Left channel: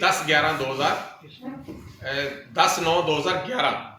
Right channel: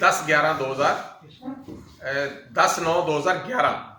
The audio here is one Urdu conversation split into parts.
10/9/2011,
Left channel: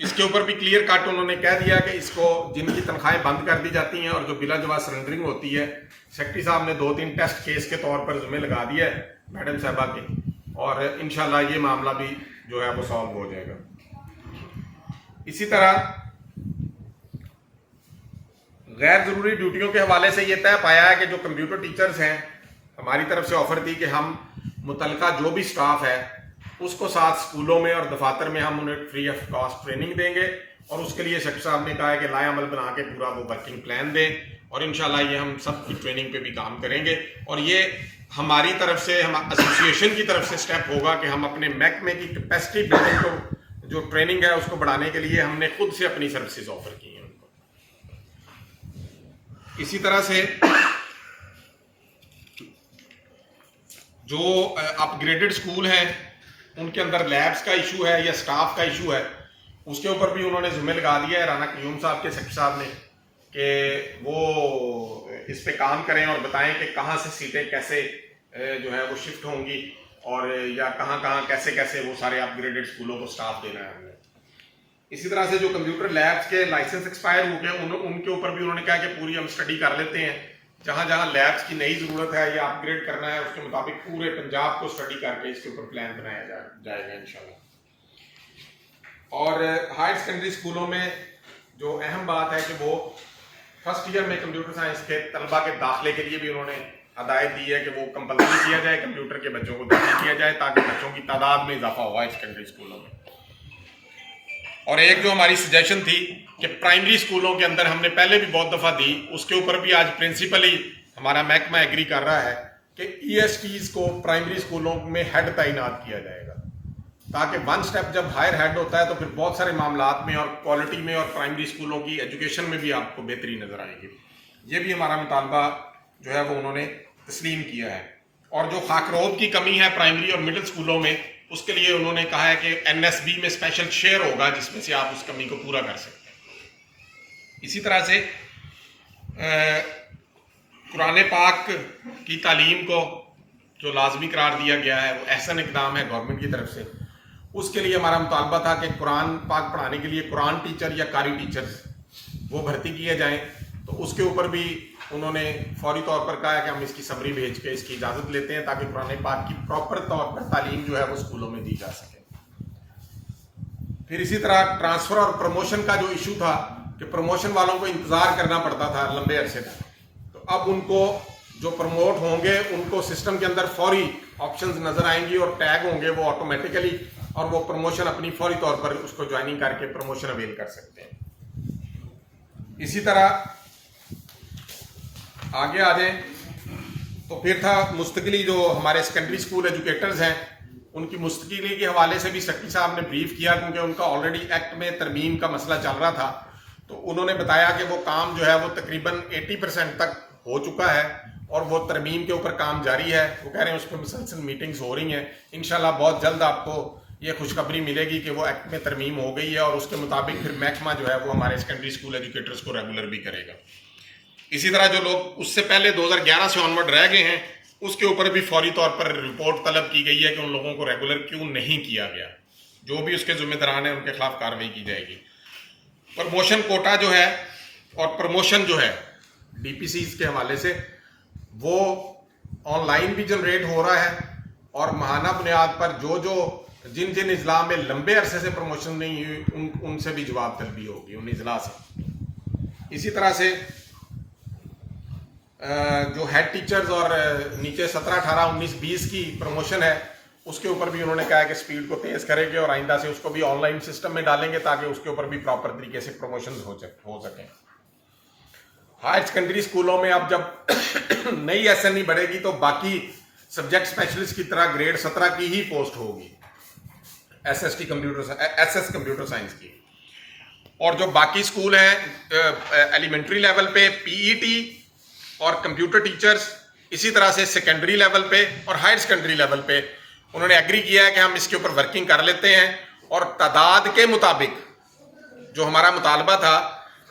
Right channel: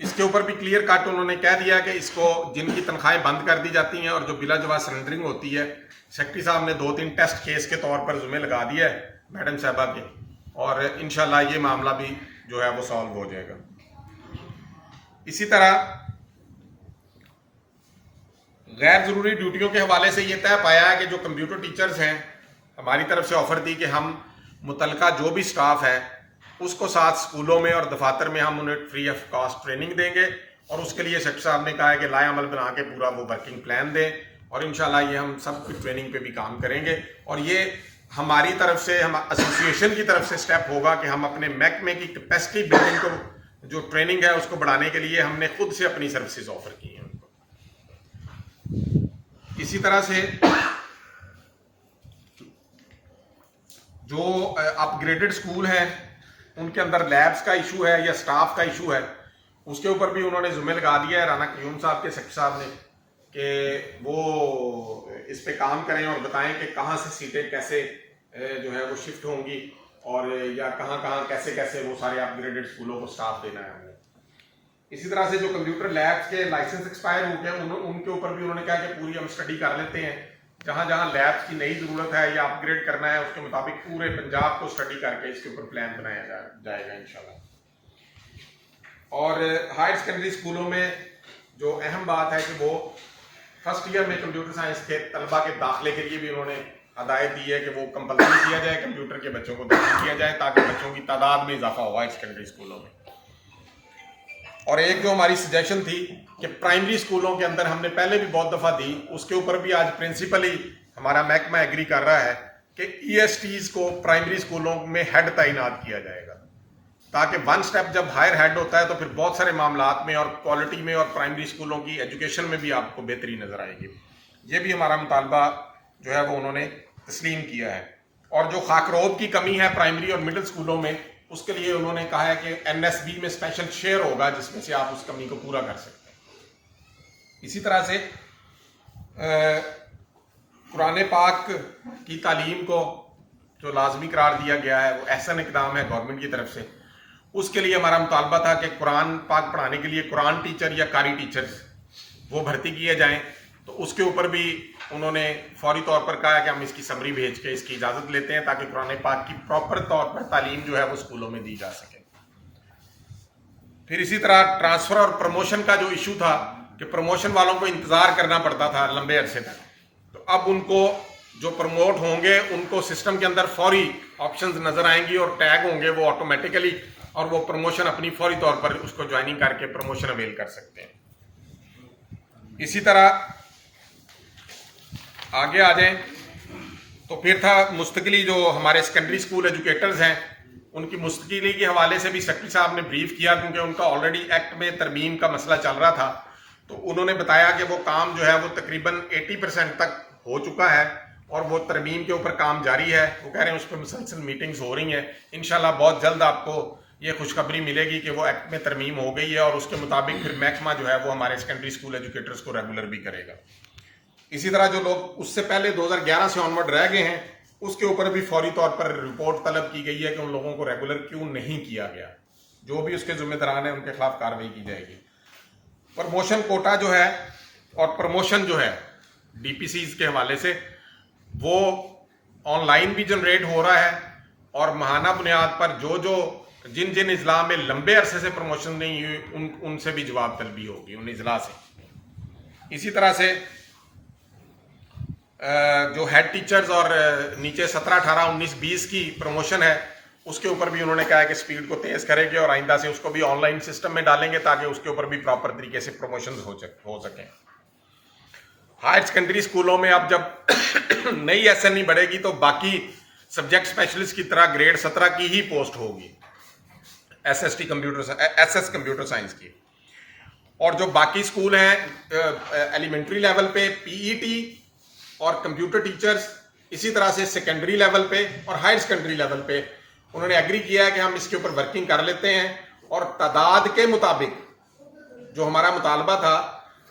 اس کے اوپر بھی کلیئر کٹ انہوں نے کہہ دیا کہ اس کو جن کی تنخواہیں بند کر دی جاتی ہیں اور جو بلا جواز سرنڈرنگ ہوتی ہے، سیکرٹری صاحب نے 2-3 ٹیسٹ کیس کے طور پر ذمہ لگا دیا ہے میڈم صاحبہ کے، اور انشاءاللہ یہ معاملہ بھی جو ہے وہ سالو ہو جائے گا۔ اسی طرح غیر ضروری ڈیوٹیوں کے حوالے سے یہ طے پایا ہے کہ جو کمپیوٹر ٹیچرز ہیں، ہماری طرف سے آفر تھی کہ ہم متعلقہ جو بھی سٹاف ہے اس کو ساتھ اسکولوں میں اور دفاتر میں ہم انہیں فری آف کاسٹ ٹریننگ دیں گے، اور اس کے لیے شیخ صاحب نے کہا ہے کہ لائے عمل بنا کے پورا وہ ورکنگ پلان دیں، اور انشاءاللہ یہ ہم سب کی ٹریننگ پہ بھی کام کریں گے، اور یہ ہماری طرف سے، ہم ایسوسیشن کی طرف سے سٹیپ ہوگا کہ ہم اپنے محکمے کی کیپیسٹی بلڈنگ کو جو ٹریننگ ہے اس کو بڑھانے کے لیے ہم نے خود سے اپنی سروسز آفر کی ہیں ان کو۔ اسی طرح سے جو اپ گریڈڈ اسکول ہیں ان کے اندر لیبس کا ایشو ہے یا سٹاف کا ایشو ہے، اس کے اوپر بھی انہوں نے ذمہ لگا دیا ہے رانا قیوم صاحب کے سیکرٹری صاحب نے کہ وہ اس پہ کام کریں اور بتائیں کہ کہاں سے سیٹیں کیسے جو ہے وہ شفٹ ہوں گی، اور یا کہاں کہاں کیسے کیسے وہ سارے اپ گریڈڈ اسکولوں کو سٹاف دینا ہے۔ اسی طرح سے جو کمپیوٹر لیبس کے لائسنس ایکسپائر ہو گئے ان کے اوپر بھی انہوں نے کہا کہ پوری ہم اسٹڈی کر لیتے ہیں، جہاں جہاں لیبس کی نئی ضرورت ہے یا اپ گریڈ کرنا ہے اس کے مطابق پورے پنجاب کو اسٹڈی کر کے اس کے اوپر پلان بنایا جائے گا انشاءاللہ۔ اور ہائر سیکنڈری اسکولوں میں جو اہم بات ہے کہ وہ فرسٹ ایئر میں کمپیوٹر سائنس کے طلبہ کے داخلے کے لیے بھی انہوں نے ہدایت دی ہے کہ وہ کمپلسری کیا جائے، کمپیوٹر کے بچوں کو داخل کیا جائے تاکہ بچوں کی تعداد میں اضافہ ہوا ہائر سیکنڈری اسکولوں میں۔ اور ایک جو ہماری سجیشن تھی کہ پرائمری اسکولوں کے اندر ہم نے پہلے بھی بہت دفعہ دی، اس کے اوپر بھی آج پرنسپلی ہمارا محکمہ ایگری کر رہا ہے کہ ای ایس ٹیز کو پرائمری اسکولوں میں ہیڈ تعینات کیا جائے گا، تاکہ ون سٹیپ جب ہائر ہیڈ ہوتا ہے تو پھر بہت سارے معاملات میں اور کوالٹی میں اور پرائمری اسکولوں کی ایجوکیشن میں بھی آپ کو بہتری نظر آئے گی۔ یہ بھی ہمارا مطالبہ جو ہے وہ انہوں نے تسلیم کیا ہے۔ اور جو خاکروب کی کمی ہے پرائمری اور مڈل اسکولوں میں، اس کے لیے انہوں نے کہا ہے کہ این ایس بی میں اسپیشل شیئر ہوگا جس میں سے آپ اس کمی کو پورا کر سکتے ہیں۔ اسی طرح سے قرآن پاک کی تعلیم کو جو لازمی قرار دیا گیا ہے وہ احسن اقدام ہے گورنمنٹ کی طرف سے، اس کے لیے ہمارا مطالبہ تھا کہ قرآن پاک پڑھانے کے لیے قرآن ٹیچر یا قاری ٹیچرز وہ بھرتی کیے جائیں، تو اس کے اوپر بھی انہوں نے فوری طور پر کہا کہ ہم اس کی سمری بھیج کے اس کی اجازت لیتے ہیں تاکہ قرآن پاک کی پراپر طور پر تعلیم جو ہے وہ اسکولوں میں دی جا سکے۔ پھر اسی طرح ٹرانسفر اور پروموشن کا جو ایشو تھا کہ پروموشن والوں کو انتظار کرنا پڑتا تھا لمبے عرصے تک، تو اب ان کو جو پروموٹ ہوں گے ان کو سسٹم کے اندر فوری آپشنز نظر آئیں گی اور ٹیگ ہوں گے وہ آٹومیٹیکلی، اور وہ پروموشن اپنی فوری طور پر اس کو جوائننگ کر کے پروموشن اویل کر سکتے ہیں۔ اسی طرح آگے آ جائیں تو پھر تھا مستقلی جو ہمارے سیکنڈری اسکول ایجوکیٹرز ہیں ان کی مستقلی کے حوالے سے بھی سیکرٹری صاحب نے بریف کیا، کیونکہ ان کا آلریڈی ایکٹ میں ترمیم کا مسئلہ چل رہا تھا، تو انہوں نے بتایا کہ وہ کام جو ہے وہ تقریباً 80% تک ہو چکا ہے اور وہ ترمیم کے اوپر کام جاری ہے۔ وہ کہہ رہے ہیں اس پہ مسلسل میٹنگز ہو رہی ہیں، انشاءاللہ بہت جلد آپ کو یہ خوشخبری ملے گی کہ وہ ایکٹ میں ترمیم ہو گئی ہے، اور اس کے مطابق پھر محکمہ جو ہے وہ ہمارے سیکنڈری اسکول ایجوکیٹرز کو ریگولر بھی کرے گا۔ اسی طرح جو لوگ اس سے پہلے 2011 سے آنورڈ رہ گئے ہیں اس کے اوپر بھی فوری طور پر رپورٹ طلب کی گئی ہے کہ ان لوگوں کو ریگولر کیوں نہیں کیا گیا، جو بھی اس کے ذمہ داران ہیں ان کے خلاف کارروائی کی جائے گی۔ پروموشن کوٹا جو ہے اور پروموشن جو ہے ڈی پی سیز کے حوالے سے وہ آن لائن بھی جنریٹ ہو رہا ہے، اور ماہانہ بنیاد پر جو جن اضلاع میں لمبے عرصے سے پروموشن نہیں ہوئی ان سے بھی جواب طلبی ہوگی ان اضلاع سے۔ اسی طرح سے جو ہیڈ ٹیچرز اور نیچے 17 18 19 20 کی پروموشن ہے اس کے اوپر بھی انہوں نے کہا ہے کہ سپیڈ کو تیز کریں گے اور آئندہ سے اس کو بھی آن لائن سسٹم میں ڈالیں گے تاکہ اس کے اوپر بھی پراپر طریقے سے پروموشنز ہو سکیں۔ ہائر سیکنڈری اسکولوں میں اب جب نئی ایس این ای بڑھے گی تو باقی سبجیکٹ اسپیشلسٹ کی طرح گریڈ 17 کی ہی پوسٹ ہوگی، ایس ایس کمپیوٹر سائنس کی، اور جو باقی اسکول ہیں ایلیمنٹری لیول پہ پی ای ٹی اور کمپیوٹر ٹیچرز، اسی طرح سے سیکنڈری لیول پہ اور ہائر سیکنڈری لیول پہ انہوں نے ایگری کیا ہے کہ ہم اس کے اوپر ورکنگ کر لیتے ہیں، اور تعداد کے مطابق جو ہمارا مطالبہ تھا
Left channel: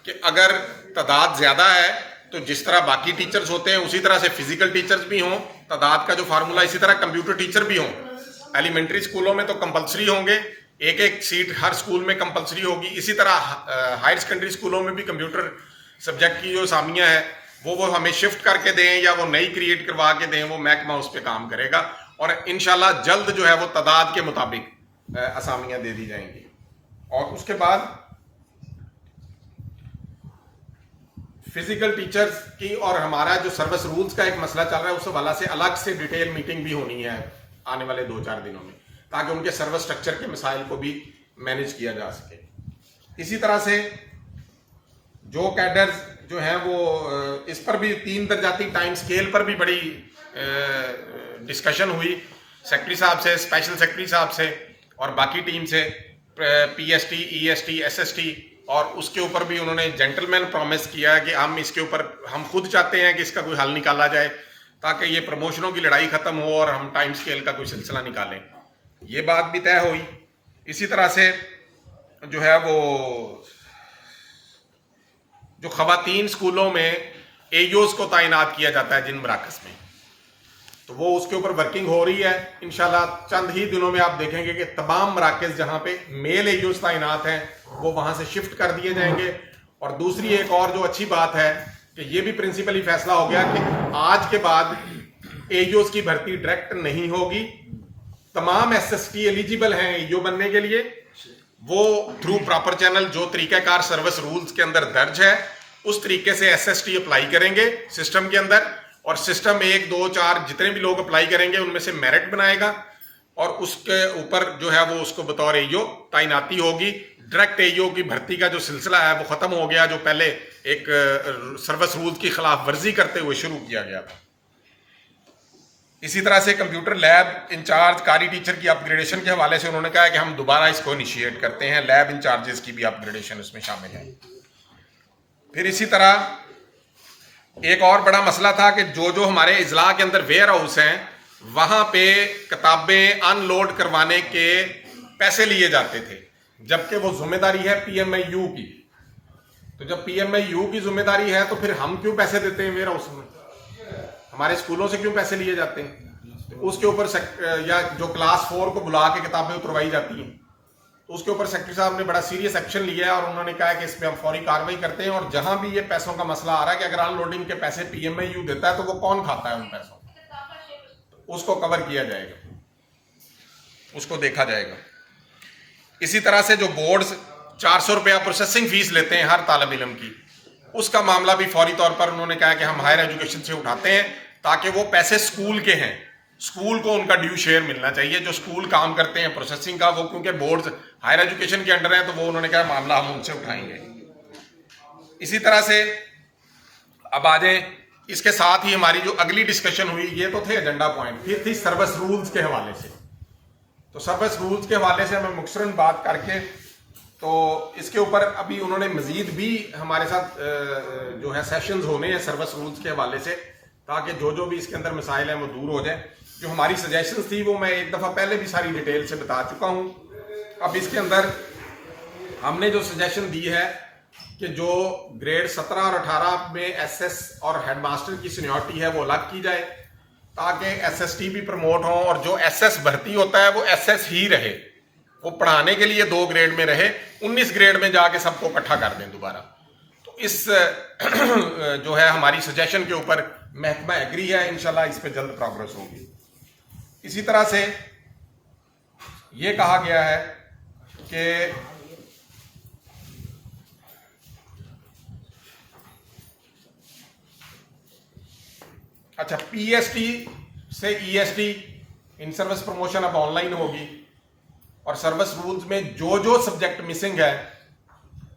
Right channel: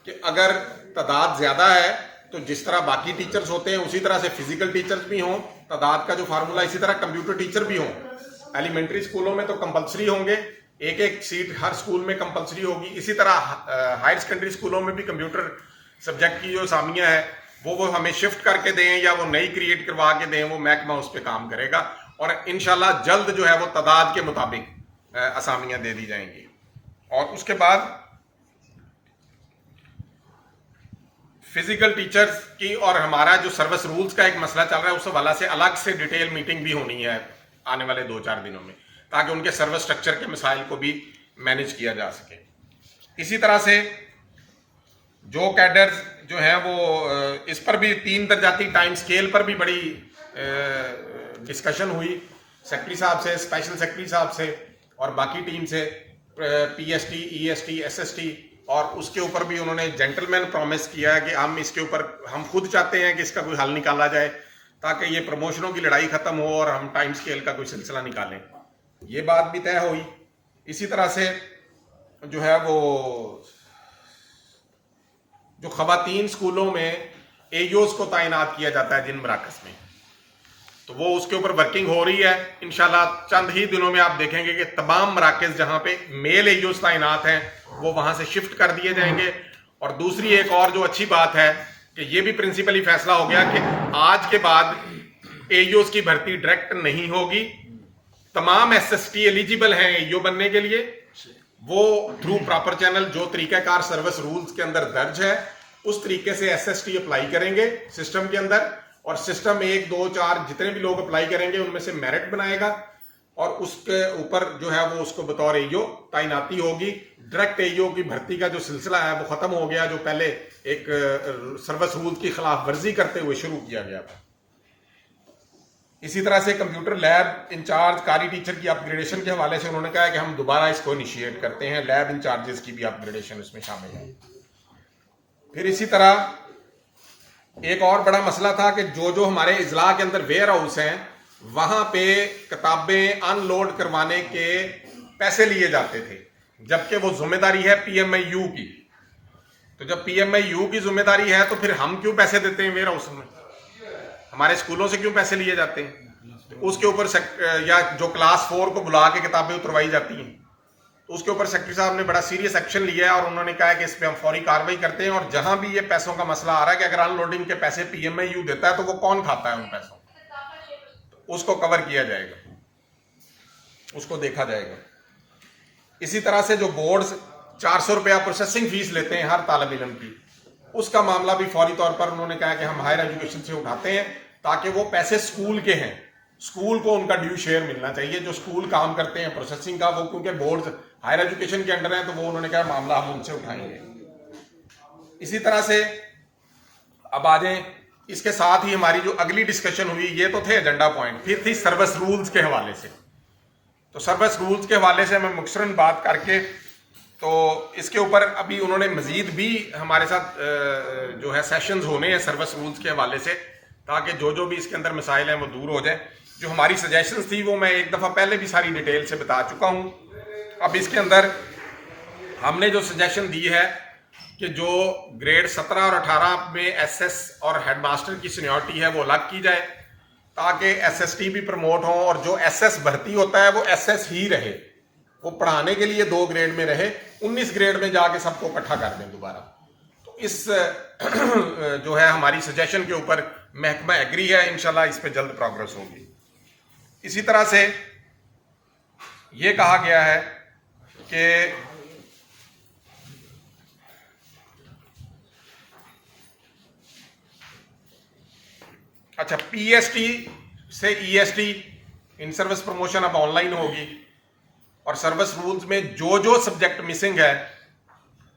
کہ اگر تعداد زیادہ ہے تو جس طرح باقی ٹیچرز ہوتے ہیں اسی طرح سے فزیکل ٹیچرز بھی ہوں، تعداد کا جو فارمولہ اسی طرح کمپیوٹر ٹیچر بھی ہوں۔ ایلیمنٹری اسکولوں میں تو کمپلسری ہوں گے، ایک ایک سیٹ ہر اسکول میں کمپلسری ہوگی. اسی طرح ہائر سیکنڈری اسکولوں میں بھی کمپیوٹر سبجیکٹ کی جو اسامیاں ہیں وہ ہمیں شفٹ کر کے دیں یا وہ نئی کریٹ کروا کے دیں, وہ محکمہ اس پہ کام کرے گا, اور انشاءاللہ جلد جو ہے وہ تعداد کے مطابق اسامیاں دے دی جائیں گی. اور اس کے بعد فزیکل ٹیچرز کی اور ہمارا جو سروس رولز کا ایک مسئلہ چل رہا ہے, اس حوالے سے الگ سے ڈیٹیل میٹنگ بھی ہونی ہے آنے والے 2-4 دنوں میں, تاکہ ان کے سروس سٹرکچر کے مسائل کو بھی مینیج کیا جا سکے. اسی طرح سے جو کیڈرز جو ہیں وہ اس پر بھی 3 درجاتی ٹائم سکیل پر بھی بڑی ڈسکشن ہوئی سیکرٹری صاحب سے, اسپیشل سیکرٹری صاحب سے اور باقی ٹیم سے, P S T, E S T, S S T, اور اس کے اوپر بھی انہوں نے جینٹل مین پرومس کیا ہے کہ ہم اس کے اوپر ہم خود چاہتے ہیں کہ اس کا کوئی حل نکالا جائے تاکہ یہ پروموشنوں کی لڑائی ختم ہو اور ہم ٹائم سکیل کا کوئی سلسلہ نکالیں. یہ بات بھی طے ہوئی. اسی طرح سے جو ہے وہ جو خواتین اسکولوں میں اے ایوز کو تعینات کیا جاتا ہے جن مراکز میں, تو وہ اس کے اوپر ورکنگ ہو رہی ہے. انشاءاللہ چند ہی دنوں میں آپ دیکھیں گے کہ تمام مراکز جہاں پہ میل اے ایوز تعینات ہیں وہ وہاں سے شفٹ کر دیے جائیں گے. اور دوسری ایک اور جو اچھی بات ہے کہ یہ بھی پرنسپلی فیصلہ ہو گیا کہ آج کے بعد اے ایوز کی بھرتی ڈائریکٹ نہیں ہوگی. تمام ایس ایس ٹی ایلیجیبل ہیں اے ایو بننے کے لیے, وہ تھرو پراپر چینل جو طریقہ کار سروس رولز کے اندر درج ہے اس طریقے سے ایس ایس ٹی اپلائی کریں گے سسٹم کے اندر, اور سسٹم 1 2 4 جتنے بھی لوگ اپلائی کریں گے ان میں سے میرٹ بنائے گا, اور اس کے اوپر جو ہے وہ اس کو بطور اے ایو تعیناتی ہوگی. ڈائریکٹ اے ایو کی بھرتی کا جو سلسلہ ہے وہ ختم ہو گیا, جو پہلے ایک سروس رولز کی خلاف ورزی کرتے ہوئے شروع کیا گیا تھا. اسی طرح سے کمپیوٹر لیب انچارج قاری ٹیچر کی اپ گریڈیشن کے حوالے سے انہوں نے کہا کہ ہم دوبارہ اس کو انیشیٹ کرتے ہیں, لیب انچارجز کی بھی اپ گریڈیشن اس میں شامل ہے. پھر اسی طرح ایک اور بڑا مسئلہ تھا کہ جو ہمارے اضلاع کے اندر ویئر ہاؤس ہیں وہاں پہ کتابیں ان لوڈ کروانے کے پیسے لیے جاتے تھے, جبکہ وہ ذمہ داری ہے پی ایم آئی یو کی. تو جب پی ایم آئی یو کی ذمہ داری ہے تو پھر ہم کیوں پیسے دیتے ہیں ویئر ہاؤس میں, ہمارے اسکولوں سے کیوں پیسے لیے جاتے ہیں؟ اس کے اوپر یا جو کلاس 4 کو بلا کے کتابیں اتروائی جاتی ہیں تو اس کے اوپر سیکرٹری صاحب نے بڑا سیریس ایکشن لیا ہے, اور انہوں نے کہا کہ اس پہ ہم فوری کاروائی کرتے ہیں. اور جہاں بھی یہ پیسوں کا مسئلہ آ رہا ہے کہ اگر ان لوڈنگ کے پیسے پی ایم آئی یو دیتا ہے تو وہ کون کھاتا ہے ان پیسوں کو, اس کو کور کیا جائے گا, اس کو دیکھا جائے گا. اسی طرح سے جو بورڈز 400 روپیہ پروسیسنگ فیس لیتے ہیں ہر طالب علم کی, اس کا معاملہ بھی فوری طور پر انہوں نے کہا کہ ہم ہائر ایجوکیشن سے اٹھاتے ہیں تاکہ وہ پیسے اسکول کے ہیں, اسکول کو ان کا ڈیو شیئر ملنا چاہیے. جو اسکول کام کرتے ہیں پروسیسنگ کا وہ کیونکہ بورڈز ہائر ایجوکیشن کے انڈر ہیں تو وہ انہوں نے کہا معاملہ ہم ان سے اٹھائیں گے. اسی طرح سے اب آ جائیں اس کے ساتھ ہی ہماری جو اگلی ڈسکشن ہوئی, یہ تو تھے ایجنڈا پوائنٹ, پھر تھی سروس رولز کے حوالے سے. تو سروس رولز کے حوالے سے میں مختصراً بات کر کے تو اس کے اوپر ابھی انہوں نے مزید بھی ہمارے ساتھ جو ہے سیشنز ہونے ہیں سروس رولز کے حوالے سے, تاکہ جو بھی اس کے اندر مسائل ہیں وہ دور ہو جائیں. جو ہماری سجیشنز تھی وہ میں ایک دفعہ پہلے بھی ساری ڈیٹیل سے بتا چکا ہوں. اب اس کے اندر ہم نے جو سجیشن دی ہے کہ جو گریڈ 17 اور 18 میں ایس ایس اور ہیڈ ماسٹر کی سینیورٹی ہے وہ الگ کی جائے تاکہ ایس ایس ٹی بھی پروموٹ ہوں, اور جو ایس ایس بھرتی ہوتا ہے وہ ایس ایس ہی رہے, وہ پڑھانے کے لیے 2 گریڈ میں رہے, 19 گریڈ میں جا کے سب کو اکٹھا کر دیں دوبارہ. تو اس جو ہے ہماری سجیشن کے اوپر محکمہ ایگری ہے, انشاءاللہ اس پہ جلد پروگرس ہوگی. اسی طرح سے یہ کہا گیا ہے کہ اچھا پی ایس ٹی سے ای ایس ٹی ان سروس پروموشن اب آن لائن ہوگی, اور سروس رولز میں جو سبجیکٹ مسنگ ہے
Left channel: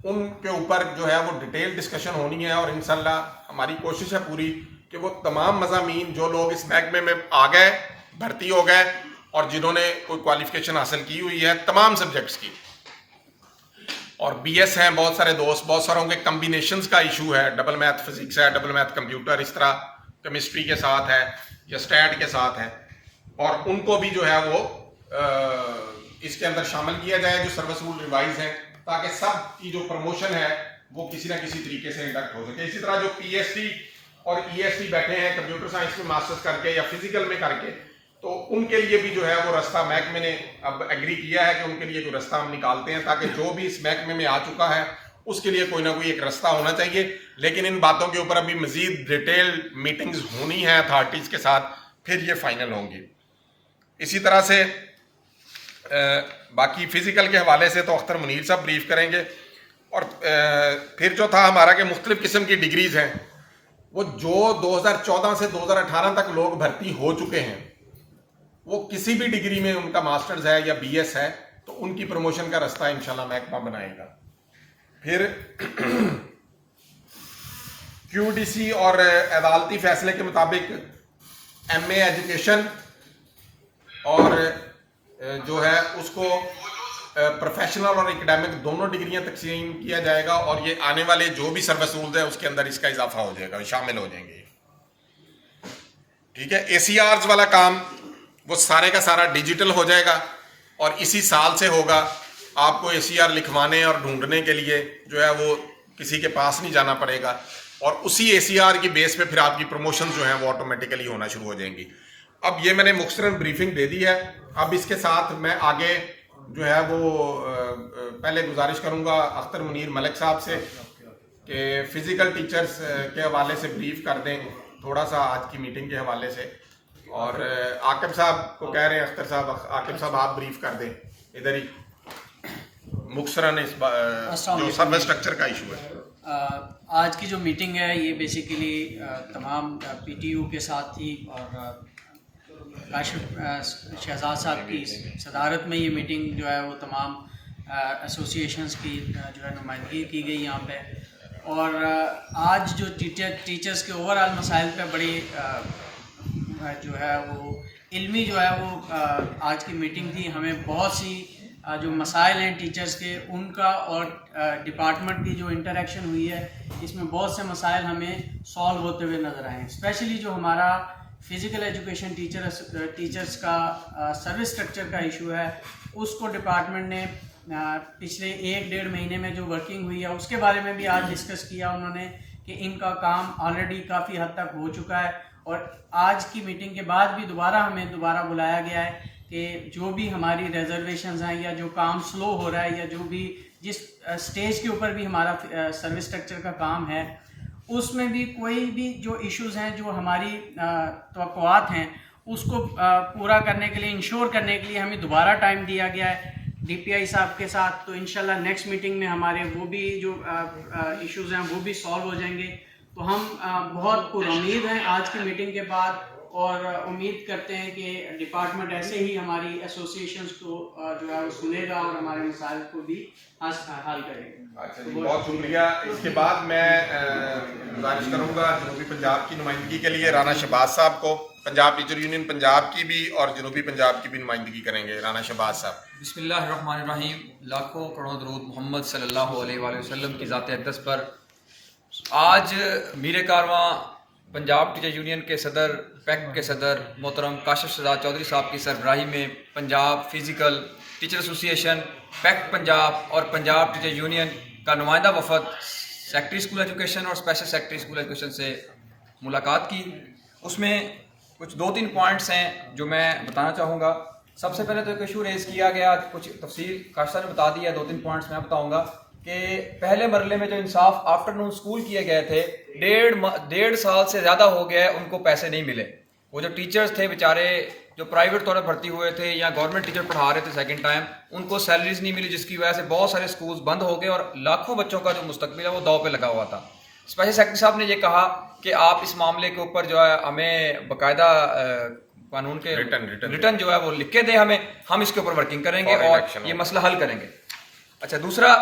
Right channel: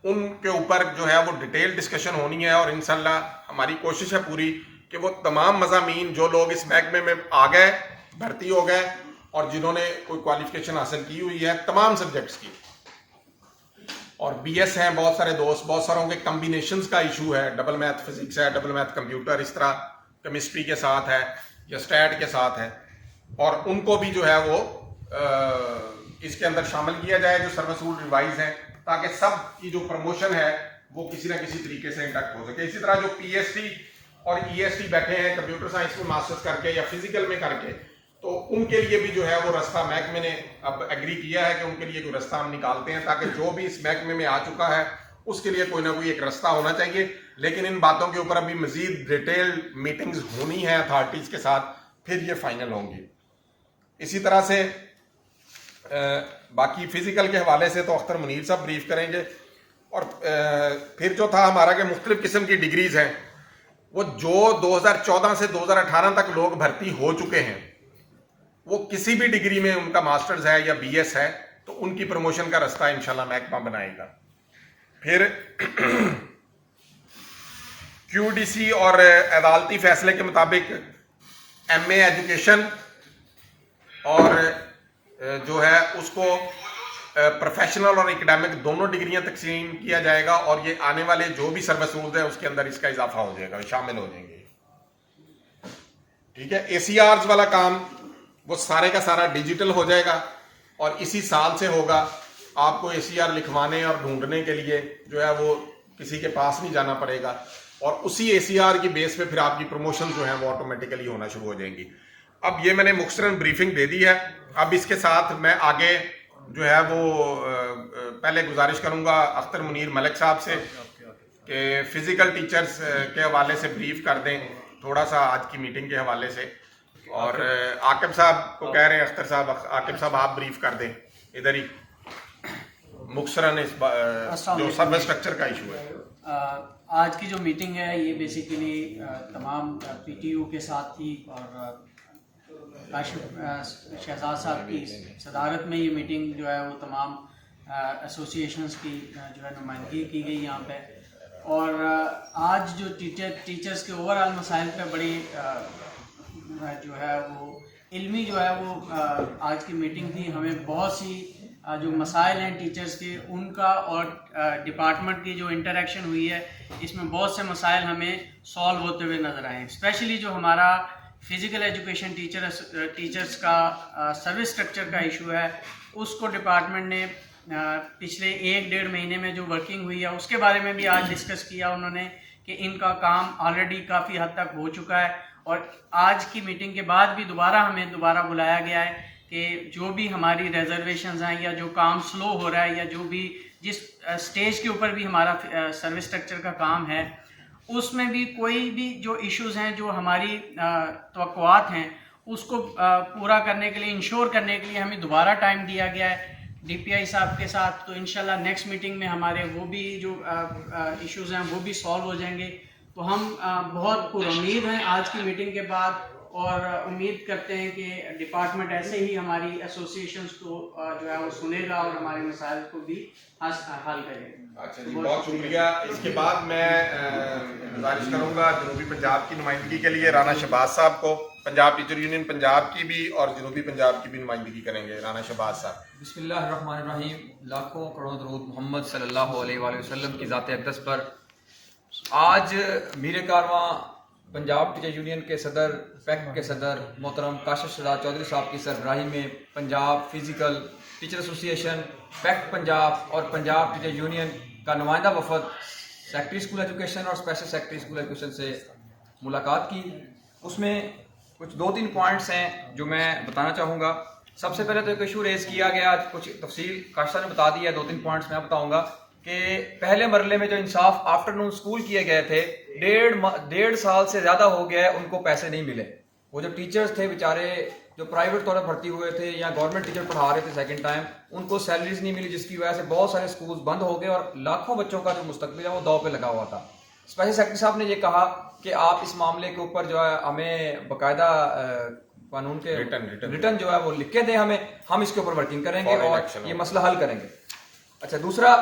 ان کے اوپر جو ہے وہ ڈیٹیل ڈسکشن ہونی ہے. اور انشاءاللہ ہماری کوشش ہے پوری کہ وہ تمام مضامین جو لوگ اس محکمے میں آ گئے, بھرتی ہو گئے, اور جنہوں نے کوئی کوالیفیکیشن حاصل کی ہوئی ہے تمام سبجیکٹس کی, اور بی ایس ہیں بہت سارے دوست, بہت ساروں کے کمبینیشنز کا ایشو ہے, ڈبل میتھ فزکس ہے, ڈبل میتھ کمپیوٹر, اس طرح کیمسٹری کے ساتھ ہے یا اسٹیٹ کے ساتھ ہے, اور ان کو بھی جو ہے وہ اس کے اندر شامل کیا جائے جو سروس رول ریوائز ہیں, تاکہ سب کی جو پروموشن ہے وہ کسی نہ کسی طریقے سے انڈکٹ ہو سکے. اسی طرح جو پی ایس ٹی اور ای ایس ٹی بیٹھے ہیں کمپیوٹر سائنس میں ماسٹرز کر کے یا فزیکل میں کر کے, تو ان کے لیے بھی جو ہے وہ راستہ محکمے نے اب ایگری کیا ہے کہ ان کے لیے کوئی راستہ ہم نکالتے ہیں، تاکہ جو بھی اس محکمے میں آ چکا ہے اس کے لیے کوئی نہ کوئی ایک راستہ ہونا چاہیے. لیکن ان باتوں کے اوپر ابھی مزید ڈیٹیل میٹنگز ہونی ہیں اتھارٹیز کے ساتھ، پھر یہ فائنل ہوں گی. اسی طرح سے باقی فزیکل کے حوالے سے تو اختر منیر صاحب بریف کریں گے. اور پھر جو تھا ہمارا کہ مختلف قسم کی ڈگریز ہیں، وہ جو 2014 سے 2018 تک لوگ بھرتی ہو چکے ہیں، وہ کسی بھی ڈگری میں ان کا ماسٹرز ہے یا بی ایس ہے تو ان کی پروموشن کا راستہ انشاءاللہ محکمہ بنائے گا. پھر کیو ڈی سی اور عدالتی فیصلے کے مطابق ایم اے ایجوکیشن اور جو ہے اس کو پروفیشنل اور اکیڈیمک دونوں ڈگریاں تقسیم کیا جائے گا، اور یہ آنے والے جو بھی سروس رولز ہیں اس کے اندر اس کا اضافہ ہو جائے گا، شامل ہو جائیں گے. ٹھیک ہے. اے سی آرز والا کام وہ سارے کا سارا ڈیجیٹل ہو جائے گا، اور اسی سال سے ہوگا. آپ کو اے سی آر لکھوانے اور ڈھونڈنے کے لیے جو ہے وہ کسی کے پاس نہیں جانا پڑے گا، اور اسی اے سی آر کی بیس پہ پھر آپ کی پروموشن جو ہیں وہ آٹومیٹیکلی ہونا شروع ہو جائیں گی. اب یہ میں نے مختصراً بریفنگ دے دی ہے. اب اس کے ساتھ میں آگے جو ہے وہ پہلے گزارش کروں گا اختر منیر ملک صاحب سے کہ فزیکل ٹیچرز کے حوالے سے بریف کر دیں تھوڑا سا آج کی میٹنگ کے حوالے سے. اور عاقب صاحب کو کہہ رہے ہیں اختر صاحب، عاقب صاحب آپ بریف کر دیں ادھر ہی مختصراً اس جو سروس اسٹرکچر کا ایشو ہے. آج کی جو میٹنگ ہے یہ بیسیکلی تمام پی ٹی یو کے ساتھ تھی، اور کاشف شہزاد صاحب کی صدارت میں یہ میٹنگ جو ہے وہ تمام ایسوسیشنز کی جو ہے نمائندگی کی گئی یہاں پہ. اور آج جو ٹیچرز کے اوور آل مسائل پہ بڑی جو ہے وہ علمی جو ہے وہ آج کی میٹنگ تھی. ہمیں بہت سی جو مسائل ہیں ٹیچرز کے ان کا اور ڈپارٹمنٹ کی جو انٹریکشن ہوئی ہے اس میں بہت سے مسائل ہمیں سالو ہوتے ہوئے نظر آئے ہیں. اسپیشلی جو ہمارا فزیکل ایجوکیشن ٹیچرز کا سروس اسٹرکچر کا ایشو ہے، اس کو ڈپارٹمنٹ نے پچھلے 1-1.5 مہینے میں جو ورکنگ ہوئی ہے اس کے بارے میں بھی آج ڈسکس کیا انہوں نے کہ ان کا کام آلریڈی کافی حد تک ہو چکا ہے. اور آج کی میٹنگ کے بعد بھی ہمیں دوبارہ بلایا گیا ہے کہ جو بھی ہماری ریزرویشنز ہیں یا جو کام سلو ہو رہا ہے یا جو بھی جس سٹیج کے اوپر بھی ہمارا سروس اسٹرکچر کا کام ہے اس میں بھی کوئی بھی جو ایشوز ہیں جو ہماری توقعات ہیں اس کو پورا کرنے کے لیے انشور کرنے کے لیے ہمیں دوبارہ ٹائم دیا گیا ہے ڈی پی آئی صاحب کے ساتھ. تو انشاءاللہ نیکسٹ میٹنگ میں ہمارے وہ بھی جو ایشوز ہیں وہ بھی سالو ہو جائیں گے. تو ہم بہت پر امید ہیں آج کی میٹنگ کے بعد، اور امید کرتے ہیں کہ ڈپارٹمنٹ ایسے ہی ہماری ایسوسیشنز کو جو ہے وہ سنے گا اور ہمارے مسائل کو بھی حل کرے گا. اچھا جی، بہت شکریہ. اس کے بعد میں گزارش کروں گا جنوبی پنجاب کی نمائندگی کے لیے رانا شہباز صاحب کو. پنجاب ٹیچر یونین پنجاب کی بھی اور جنوبی پنجاب کی بھی نمائندگی کریں گے. رانا شہباز صاحب. بسم اللہ الرحمن الرحیم. لاکھوں کروڑوں درود محمد صلی اللہ علیہ وآلہ وسلم کی ذات اقدس پر. آج میر کارواں پنجاب ٹیچر یونین کے صدر پیکٹ کے صدر محترم کاشف شہزاد چودھری صاحب کی سربراہی میں Punjab physical teacher association, packet Punjab اور پنجاب ٹیچر یونین کا نمائندہ وفد سیکٹری اسکول ایجوکیشن اور اسپیشل سیکٹری اسکول ایجوکیشن سے ملاقات کی. اس میں کچھ 2-3 پوائنٹس ہیں جو میں بتانا چاہوں گا. سب سے پہلے تو ایک ایشو ریز کیا گیا، کچھ تفصیل کاشف صاحب نے بتا دی ہے، 2-3 پوائنٹس میں بتاؤں گا کہ پہلے مرحلے میں جو انصاف آفٹر نون اسکول کیے گئے تھے 1.5 سال سے زیادہ ہو گیا ہے، ان کو پیسے نہیں ملے. وہ جو ٹیچرز تھے بیچارے جو پرائیویٹ طور پر بھرتی ہوئے تھے یا گورنمنٹ ٹیچر پڑھا رہے تھے سیکنڈ ٹائم، ان کو سیلریز نہیں ملی، جس کی وجہ سے بہت سارے اسکولز بند ہو گئے اور لاکھوں بچوں کا جو مستقبل ہے وہ داؤ پہ لگا ہوا تھا. اسپیشل سیکرٹری صاحب نے یہ کہا کہ آپ اس معاملے کے اوپر جو ہے ہمیں باقاعدہ قانون کے ریٹرن جو ہے وہ لکھ کے دیں ہمیں، ہم اس کے اوپر ورکنگ کریں گے اور یہ مسئلہ حل کریں گے. اچھا، دوسرا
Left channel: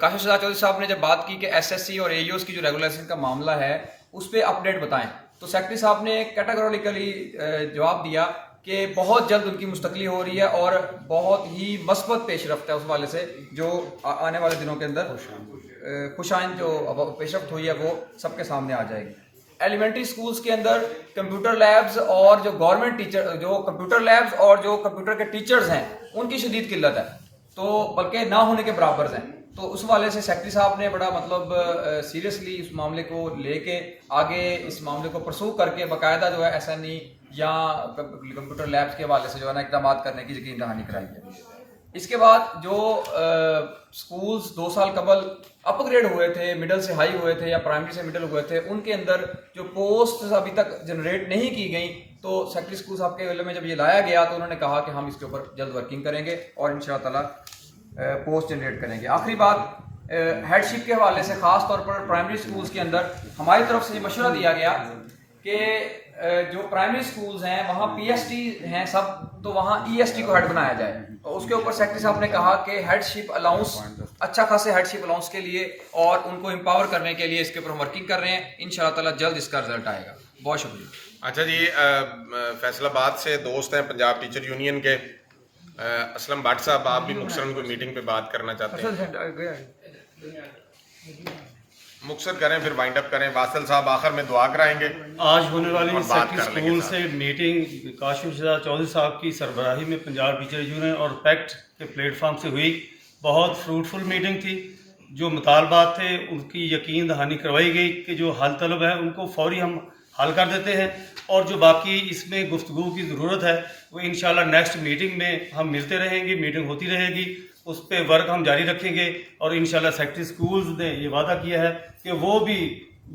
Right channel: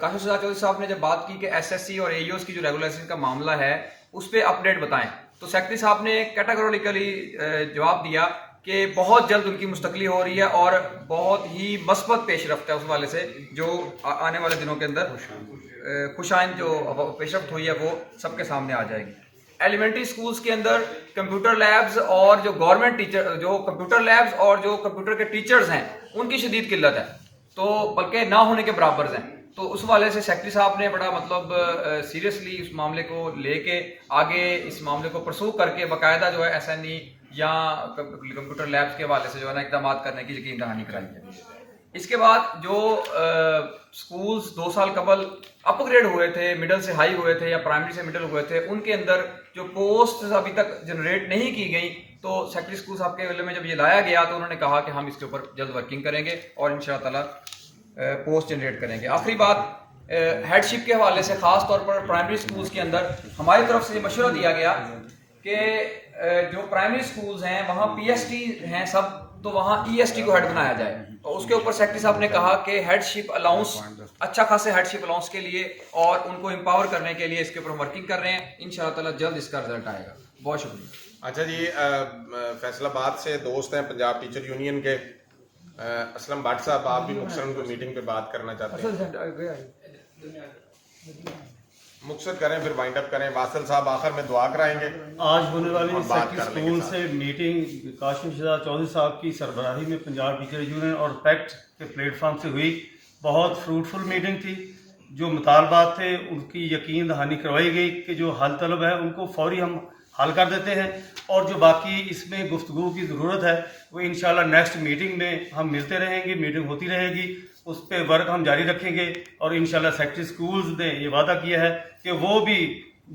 کاشف شہزاد چودھری صاحب نے جب بات کی کہ ایس ایس سی اور اے ای اوز کی جو ریگولائزیشن کا معاملہ ہے اس پہ اپڈیٹ بتائیں، تو سیکرٹری صاحب نے کیٹاگوریکلی جواب دیا کہ بہت جلد ان کی مستقلی ہو رہی ہے اور بہت ہی مثبت پیش رفت ہے اس والے سے، جو آنے والے دنوں کے اندر خوش آئند جو پیش رفت ہوئی ہے وہ سب کے سامنے آ جائے گی. ایلیمنٹری اسکولس کے اندر کمپیوٹر لیبز اور جو گورنمنٹ ٹیچر جو کمپیوٹر لیبز اور جو کمپیوٹر کے ٹیچرز ہیں ان کی شدید قلت ہے، تو بلکہ نہ ہونے کے برابر ہیں. تو اس والے سے سیکرٹری صاحب نے بڑا سیریسلی اس معاملے کو لے کے آگے اس معاملے کو پرسو کر کے باقاعدہ جو ہے ایس این ای یا کمپیوٹر لیبس کے حوالے سے جو ہے نا اقدامات کرنے کی یقین دہانی کرائی ہے. اس کے بعد جو سکولز 2 سال قبل اپ گریڈ ہوئے تھے, مڈل سے ہائی ہوئے تھے یا پرائمری سے مڈل ہوئے تھے, ان کے اندر جو پوسٹ ابھی تک جنریٹ نہیں کی گئی, تو سیکٹری اسکول صاحب کے علم میں جب یہ لایا گیا تو انہوں نے کہا کہ ہم اس کے اوپر جلد ورکنگ کریں گے اور ان شاء اللہ تعالیٰ پوسٹ جنریٹ کریں گے. آخری بات ہیڈ شپ کے حوالے سے خاص طور پر پرائمری اسکولز کے اندر ہماری طرف سے یہ مشورہ دیا گیا کہ جو پرائمری اسکولز ہیں وہاں پی ایس ٹی ہیں سب, تو وہاں ای ایس ٹی کو ہیڈ بنایا جائے. تو اس کے اوپر سیکرٹری صاحب نے کہا کہ ہیڈ شپ الاؤنس, اچھا خاصے ہیڈ شپ الاؤنس کے لیے اور ان کو امپاور کرنے کے لیے اس کے اوپر ہم ورکنگ کر رہے ہیں. ان شاء اللہ تعالیٰ جلد اس کا رزلٹ آئے گا. بہت شکریہ. اچھا جی, فیصل آباد سے دوست ہیں پنجاب ٹیچر یونین کے, اسلم بٹ صاحب, آپ بھی مختصراً کوئی میٹنگ پہ بات کرنا چاہتے ہیں؟ مختصر کریں پھر وائنڈ اپ کریں. واصل صاحب آخر میں دعا کرائیں گے. آج ہونے والی بات سیکٹری اسکول سے میٹنگ کاشف شہزاد چودھری صاحب کی سربراہی میں پنجاب ٹیچر یونین اور پیکٹ کے پلیٹ فارم سے ہوئی. بہت فروٹفل میٹنگ تھی. جو مطالبات تھے ان کی یقین دہانی کروائی گئی کہ جو حل طلب ہے ان کو فوری ہم حل کر دیتے ہیں, اور جو باقی اس میں گفتگو کی ضرورت ہے وہ انشاءاللہ نیکسٹ میٹنگ میں ہم ملتے رہیں گے, میٹنگ ہوتی رہے گی, اس پہ ورک ہم جاری رکھیں گے. اور انشاءاللہ سیکٹری اسکولز نے یہ وعدہ کیا ہے کہ وہ بھی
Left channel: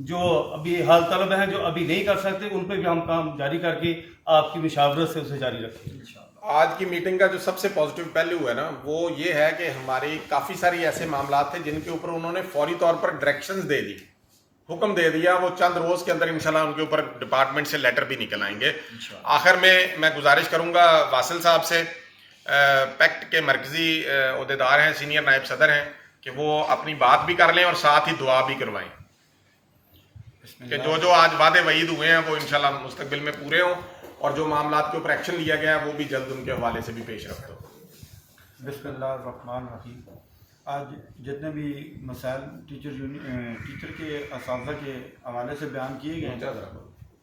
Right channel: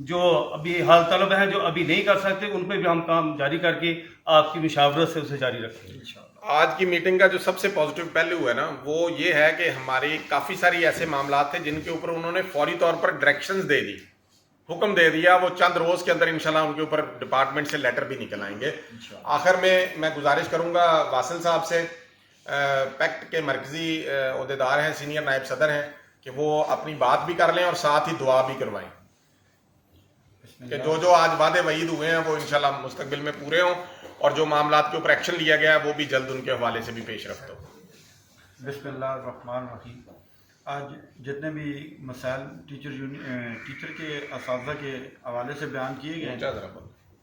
جو ابھی حال طلب ہیں جو ابھی نہیں کر سکتے ان پہ بھی ہم کام جاری کر کے آپ کی مشاورت سے اسے جاری رکھیں گے انشاءاللہ. آج کی میٹنگ کا جو سب سے پازیٹیو پہلو ہے نا وہ یہ ہے کہ ہماری کافی ساری ایسے معاملات تھے جن کے اوپر انہوں نے فوری طور پر ڈائریکشنز دے دی, حکم دے دیا. وہ چند روز کے اندر انشاءاللہ ان کے اوپر ڈپارٹمنٹ سے لیٹر بھی نکل آئیں گے. آخر میں گزارش کروں گا واصل صاحب سے, پیکٹ کے مرکزی عہدیدار ہیں, سینئر نائب صدر ہیں, کہ وہ اپنی بات بھی کر لیں اور ساتھ ہی دعا بھی کروائیں کہ جو آج وعدے وعید ہوئے ہیں وہ انشاءاللہ مستقبل میں پورے ہوں, اور جو معاملات کے اوپر ایکشن لیا گیا ہے وہ بھی جلد ان کے حوالے سے بھی پیش رفت ہو. بسم اللہ الرحمن الرحیم. آج جتنے بھی مسائل ٹیچر کے اساتذہ کے حوالے سے بیان کیے گئے ہیں,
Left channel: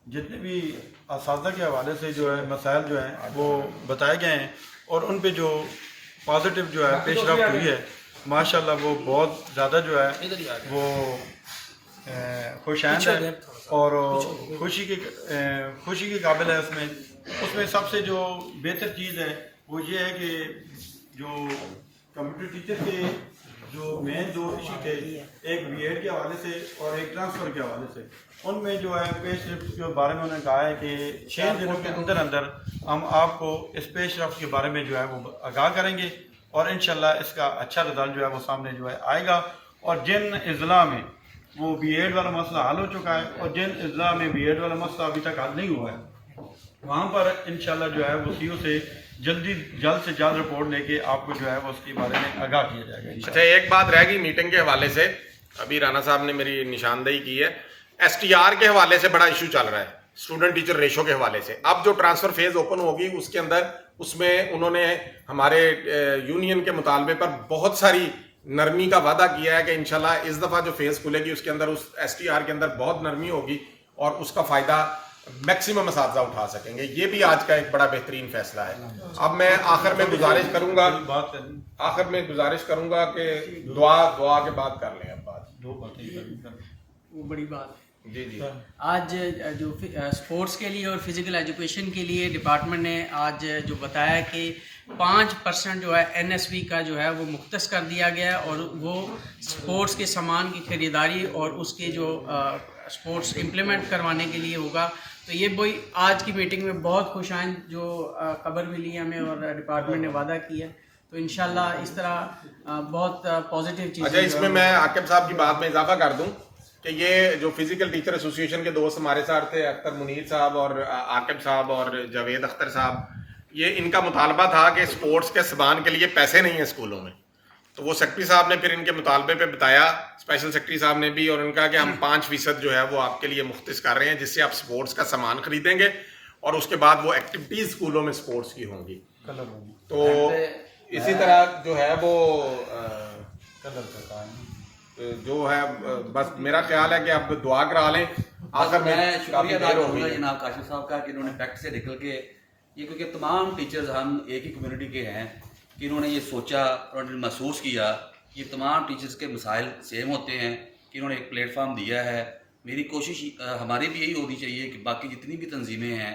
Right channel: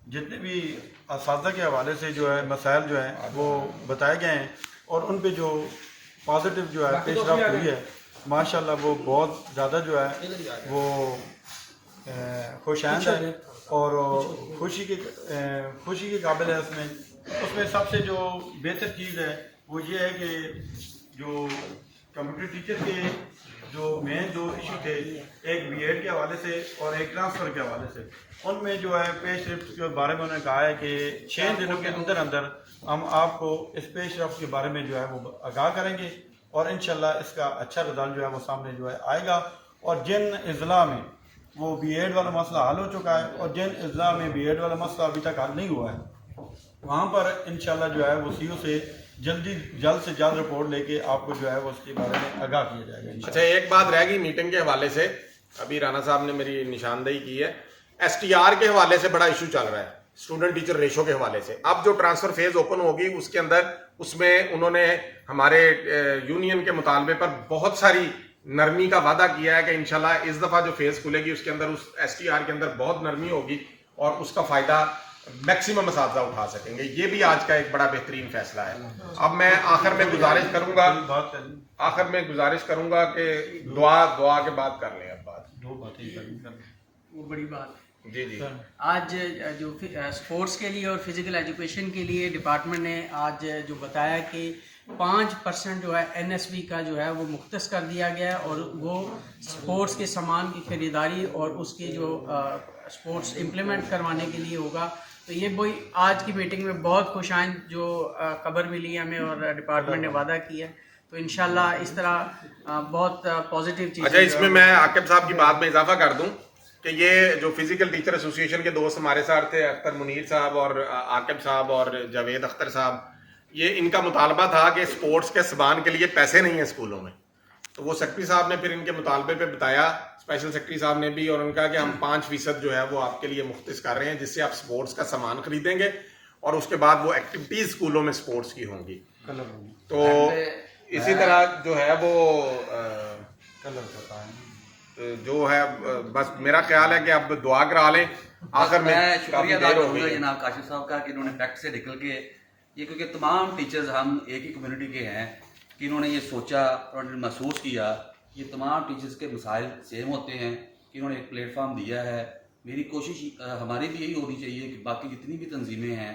جتنے بھی اساتذہ کے حوالے سے جو ہے مسائل جو ہیں وہ بتائے گئے ہیں, اور ان پہ جو پازیٹیو جو ہے پیش رفت ہوئی ہے ماشاءاللہ وہ بہت زیادہ جو ہے وہ خوش آئند ہے اور خوشی کے قابل ہے. اس میں سب سے جو بہتر چیز ہے وہ یہ ہے کہ جو کمپیوٹر ٹیچر کے جو مین دو ایشو تھے, ایک بی ایڈ کے حوالے سے اور ایک ٹرانسفر کے حوالے سے, ان میں جو ہے پیش رفت کے بارے میں انہوں نے کہا ہے کہ 6 دنوں کے اندر ہم آپ کو اس پیش رفت کے بارے میں جو ہے وہ آگاہ کریں گے, اور انشاءاللہ اس کا اچھا رزلٹ جو ہے وہ سامنے جو ہے آئے گا. اور جن اضلاع میں وہ بی ایڈ والا مسئلہ حل ہو چکا ہے اور جن اضلاع میں بی ایڈ والا مسئلہ ابھی تک حل نہیں ہوا ہے وہاں پر انشاءاللہ جو ہے وہ سی او سے جلد سے جلد رپورٹ لے کے آپ کو جو ہے وہ اس کے بارے میں آگاہ کیا جائے گا. اچھا, ایک بات رہ گئی میٹنگ کے حوالے سے, ابھی رانا صاحب نے میری نشاندہی کی ہے, ایس ٹی آر کے حوالے سے بڑا ایشو چل رہا ہے, اسٹوڈنٹ ٹیچر ریشو کے حوالے سے. اب جو ٹرانسفر فیز اوپن ہوگی اس کے اندر اس میں انہوں نے ہمارے یونین کے مطالبے پر بہت ساری نرمی کا وعدہ کیا ہے کہ انشاءاللہ اس دفعہ جو فیز کھلے گی اس کے اندر اس ایس ٹی آر کے اندر بہت نرمی ہوگی اور اس کا فائدہ میکسیمم اساتذہ اٹھا سکیں گے. یہ بھی آج کا ایک بڑا بہترین فیصلہ ہے. اب میں آخر میں گزارش کروں گا کہ دعا کے بعد کر لیں. اب بات وہ بڑی بات جی آج جو اسپورٹس کے لیے اور فزیکل ایجوکیشن کے لیے ڈپارٹمنٹ نے آج جو بتایا کہ 5% جو ہے این ایس بی کا جو ہے وہ مختص کر دیا گیا ہے, اور وہ اسپورٹس کے سامان کی خریداری اور اس کے جو اسپورٹس امپلیمنٹ کروانے کے لیے ہوگا. تو یہ وہی آج کی میٹنگ میں بہت خوش آئند جو خبر ملی ہمیں اور ڈپارٹمنٹ نے وعدہ کیا. تو انشاءاللہ اس طرح بہت پازیٹیو چیز. اچھا, اس میں عاقب صاحب کی بات میں اضافہ کر دوں کہ یہ جو فزیکل ٹیچر ایسوسی ایشن کے دوست ہمارے ساتھ تھے, اختر منیر صاحب اور عاقب صاحب اور جاوید اختر صاحب, یہ ان کا مطالبہ تھا کہ اسپورٹس کے سامان کے لیے پیسے نہیں ہیں اسکولوں میں. تو وہ سیکرٹری صاحب نے پھر ان کے مطالبے پہ بتایا, اسپیشل سیکرٹری صاحب نے بھی, اور ان کا کہ ہم 5% جو ہے وہ آپ کے لیے مختص کر رہے ہیں جس سے آپ اسپورٹس کا سامان خریدیں گے اور اس کے بعد وہ ایکٹیویٹیز اسکولوں میں اسپورٹس کی ہوں گی. تو اسی طرح جو ہے وہ جو ہے بس میرا خیال ہے کہ آپ دعا کرا لیں. آخر میں شکریہ ادا کروں گا جناب کاشف صاحب کا کہ انہوں نے فیکٹ سے نکل کے یہ, کیونکہ تمام ٹیچرز ہم ایک ہی کمیونٹی کے ہیں, کہ انہوں نے یہ سوچا اور انہوں نے محسوس کیا کہ تمام ٹیچرز کے مسائل سیم ہوتے ہیں, کہ انہوں نے ایک پلیٹ فارم دیا ہے. میری کوشش ہماری بھی یہی ہونی چاہیے کہ باقی جتنی بھی تنظیمیں ہیں